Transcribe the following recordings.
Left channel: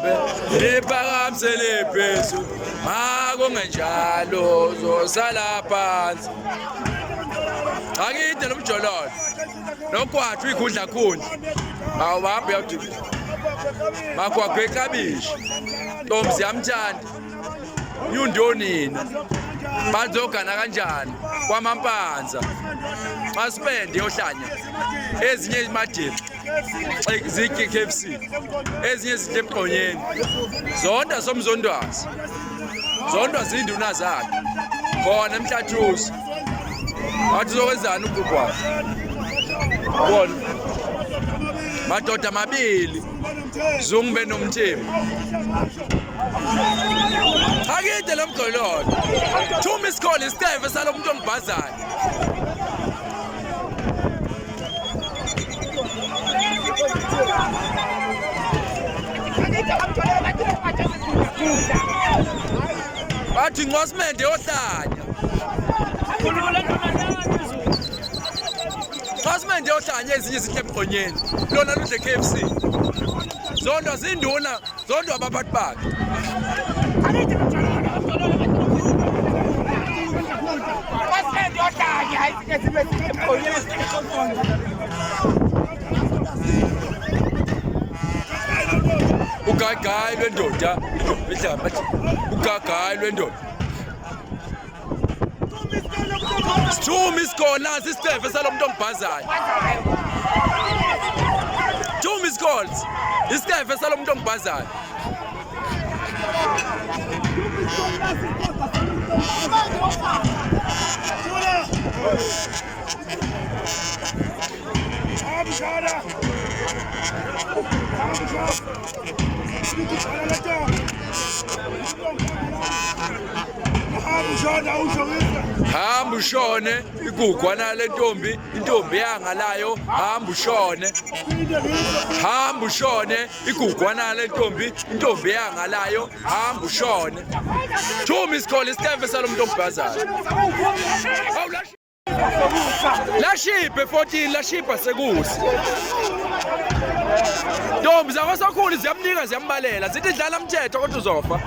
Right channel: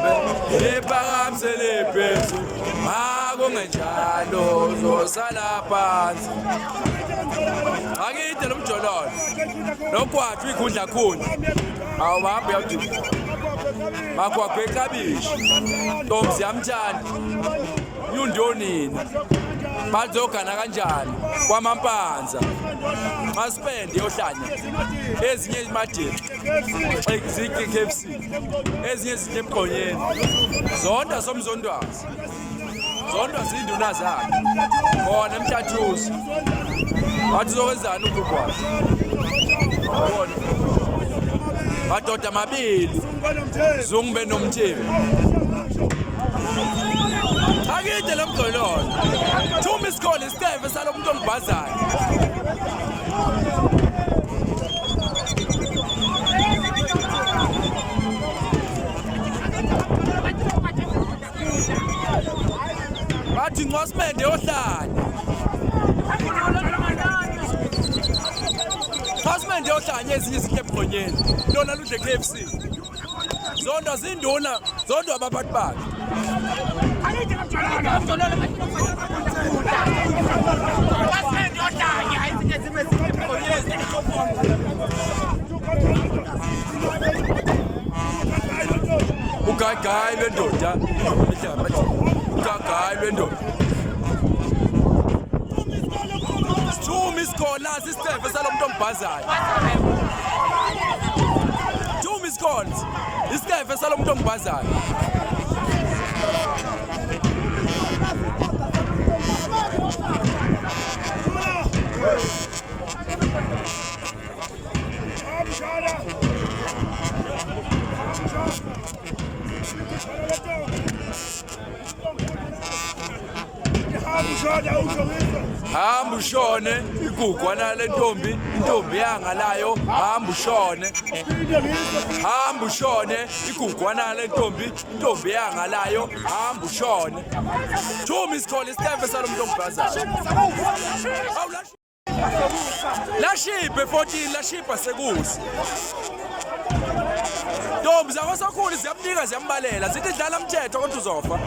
lihambe liphakamisele phezulu makungenjalo uzosala phansi akide lo mjololo nokwathu ikhundla khundla awuhambe uyawuthi makwakhe kabishi Ntombi yamthanda yundonina bazogana kanjani kwamampanza masipende yohlanya ezinye imadebe ziki KFC ezinye izinto emqonyeni zonda somzondwazi zondwazi induna zakhe khona emhlathuzi wathi zokwenzani ukugwala bona madoda amabili zungube nomthembu akide lo mgololo 2 miss call isiteve salomuntu ongibhazayo bathi ngwasimende yohlanya ngwasimende yohlanya ezinye izinto emqonyeni lona ludle KFC zondo zinduna zondo abaphathi bakhe ugagayi lwendoda ugagayi lwendoda Sithumi isikona sisitefe salomuntu ongibhazayo 2 miss calls isitefe salomuntu ongibhazayo hamba ushone igugwana lentombi intombi yangalayo hamba ushone igugwana lentombi intombi yangalayo hamba ushone 2 miss call isitefe salomuntu ongibhazayo lashipe 14 lashipa sekusi Ntombi zakwasokhulu ziyamnika ziyambalela zithi dlala umthetho kodwa uzofa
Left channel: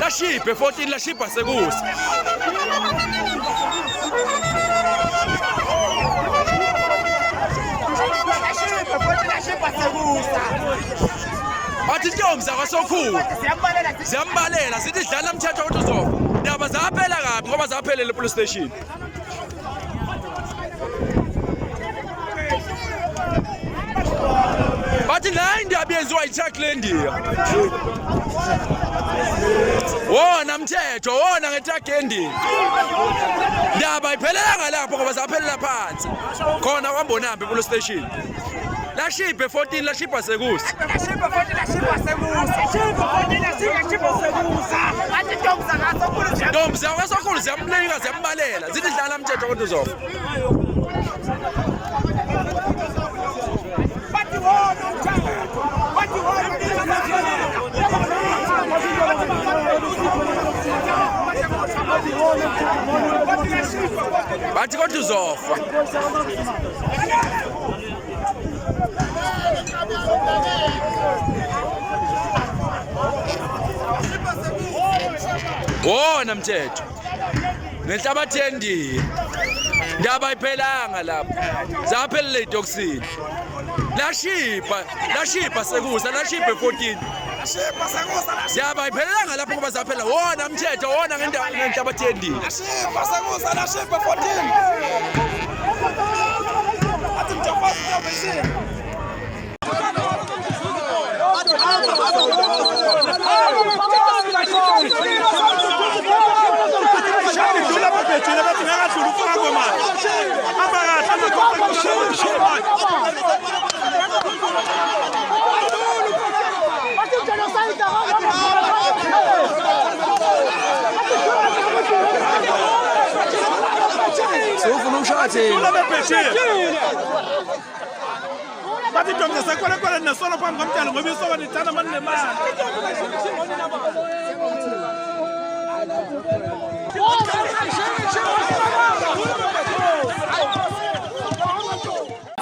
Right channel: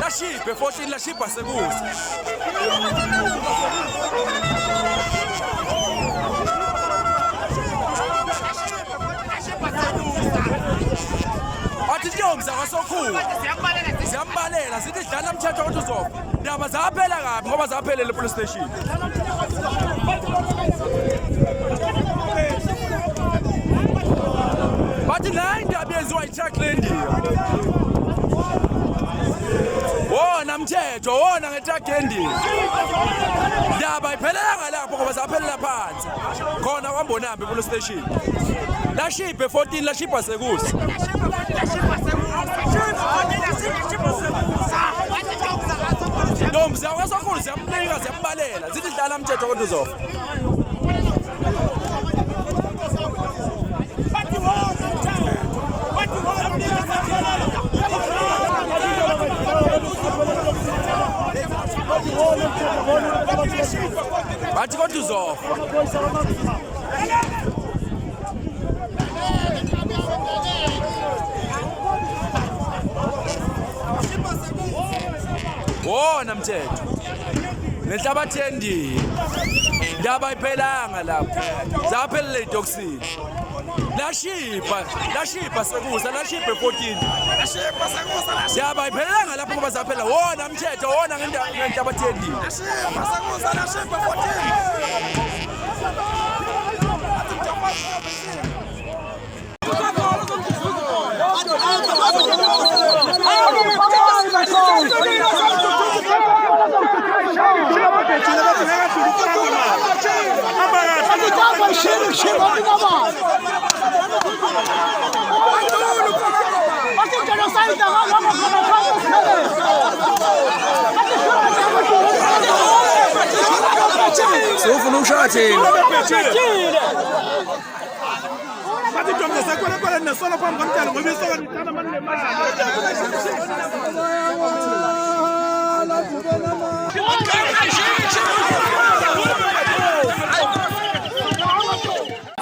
lashipe 14 lashipa sekusi athi ntombi zakwasokhulu ziyambalela zithi dlala umthetho kodwa uzofa ndaba zaphela kabi ngoba zaphelele police station bathi nayi indaba yenziwa yi-truck lendiya wona mthetho wona ngetruck yendiya ndaba iphelelanga lapho ngoba zaphelela phansi khona kwambonambi police station lashipe 14 lashipa sekusi Ntombi zakwasokhulu ziyamnika ziyambalela zithi dlala umthetho kodwa uzofa bathi kodwa uzofa wona mthetho nenhlabathi yendiya ndaba ayiphelanga lapho zaphelele itoxini lashipa sekusa lashipe 14 lashipa sekusa ndaba ayiphelanga lapho ngoba zaphela wona mthetho wona ngenhlabathi yendiya lashipa sekusa lashipe 14 Sufuna ushati bathi ntombi zakwala nesolo phambi komdalo ngoba isoko lithatha abantu nemali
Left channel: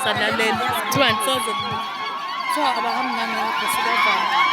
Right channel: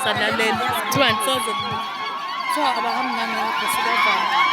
Salalela 2,000 kuthiwa abahamnyama lapho sibavama.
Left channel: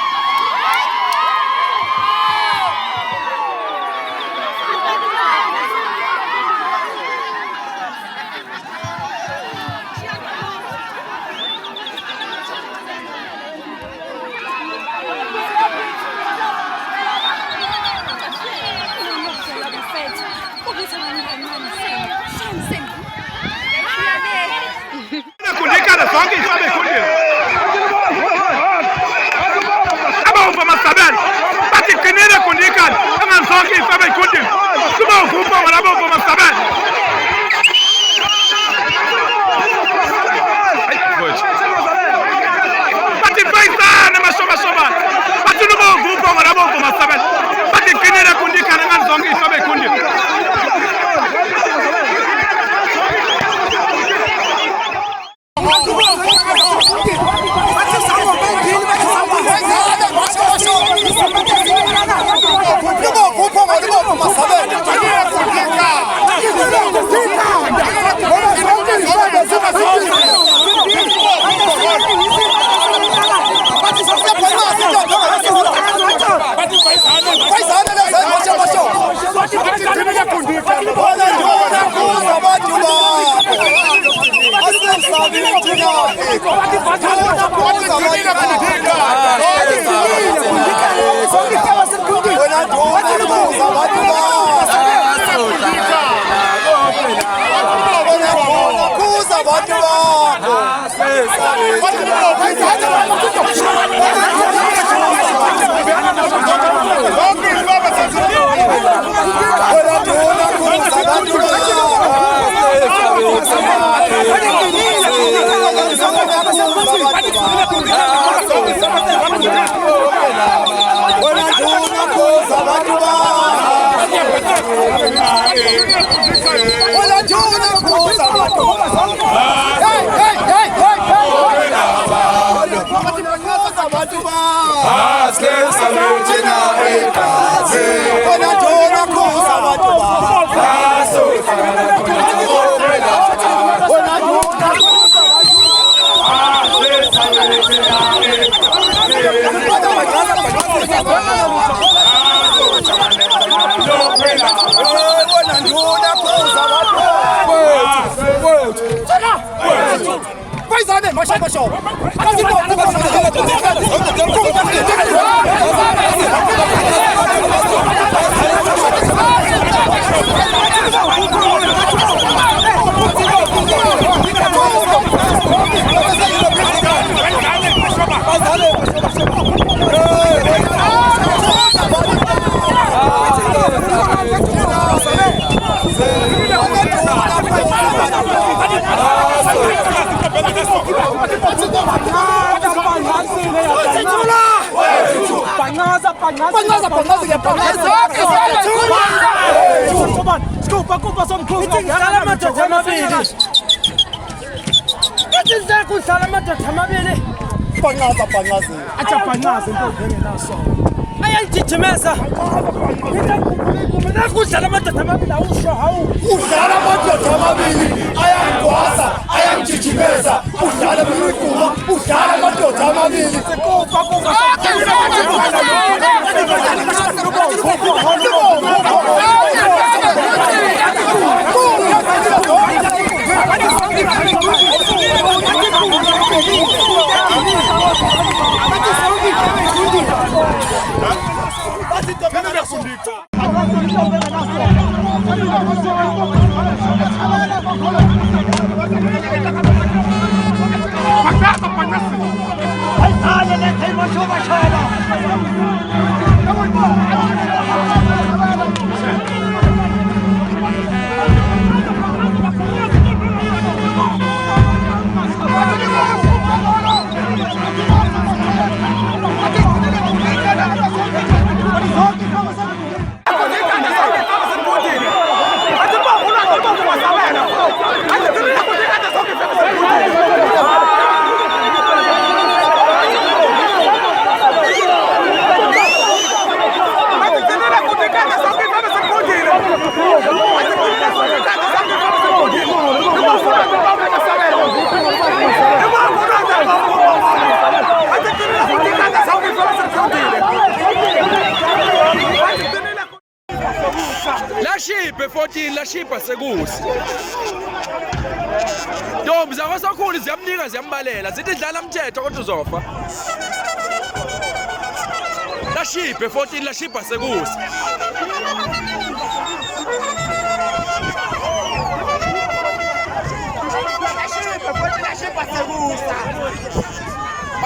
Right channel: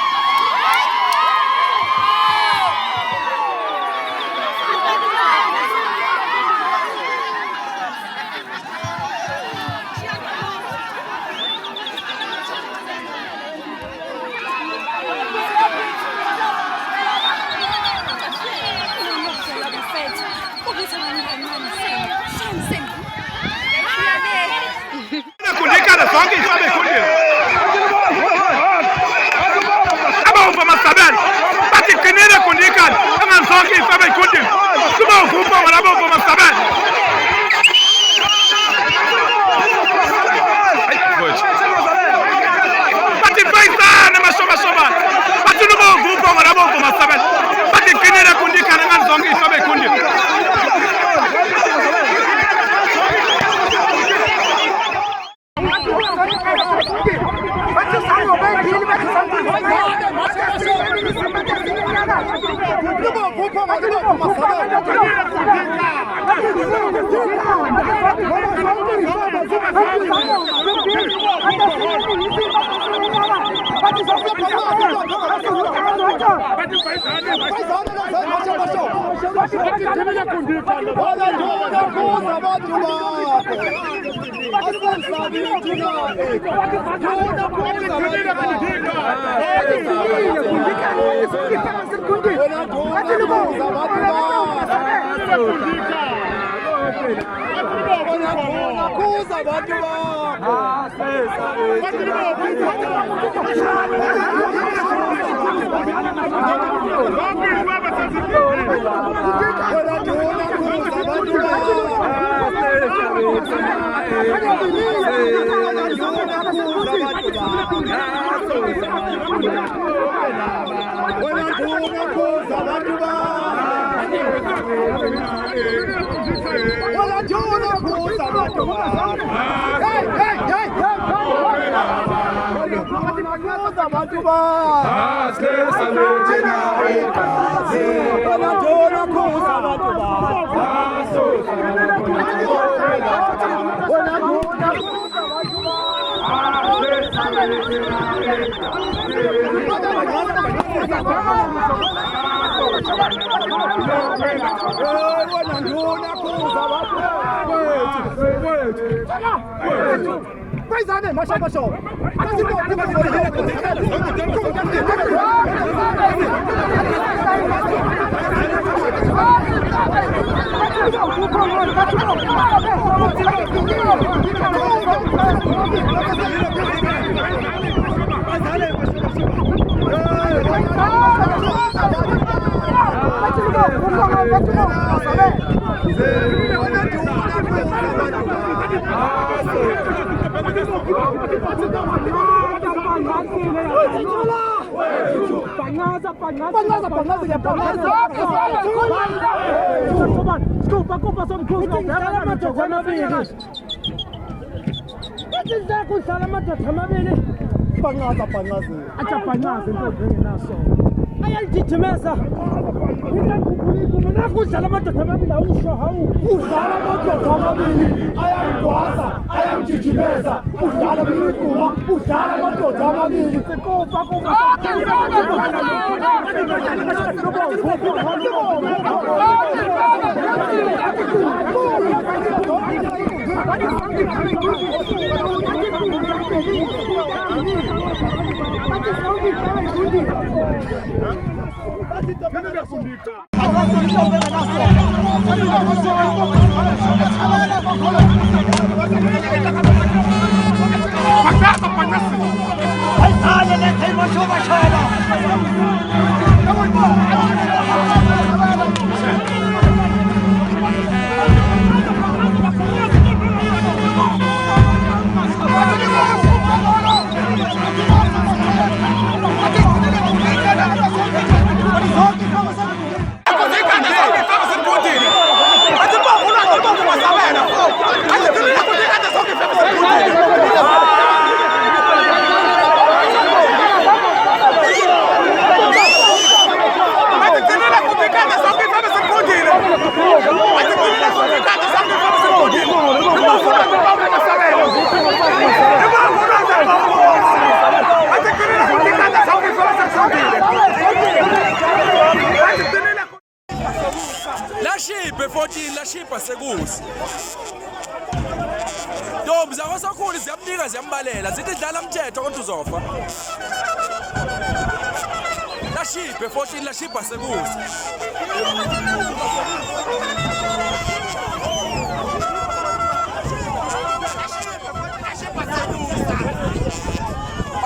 Lashiphe 14 lashipha sekusi. Ntombi zakwaSokhulu ziyamnika ziyambalela zithi dlala umthetho kodwa uzofa. Lashiphe 14 lashipha sekusi.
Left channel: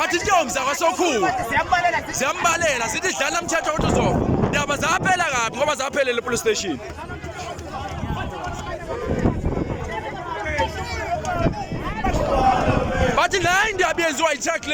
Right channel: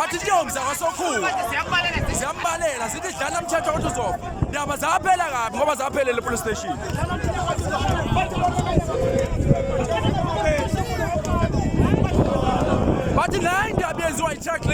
Athi intombi zakwaSokhulu ziyambalela zithi dlala umthetho kodwa uzofa. Ndaba zaphela kabi ngoba zaphelele police station. Bathi la indaba yenziwa yi-tackling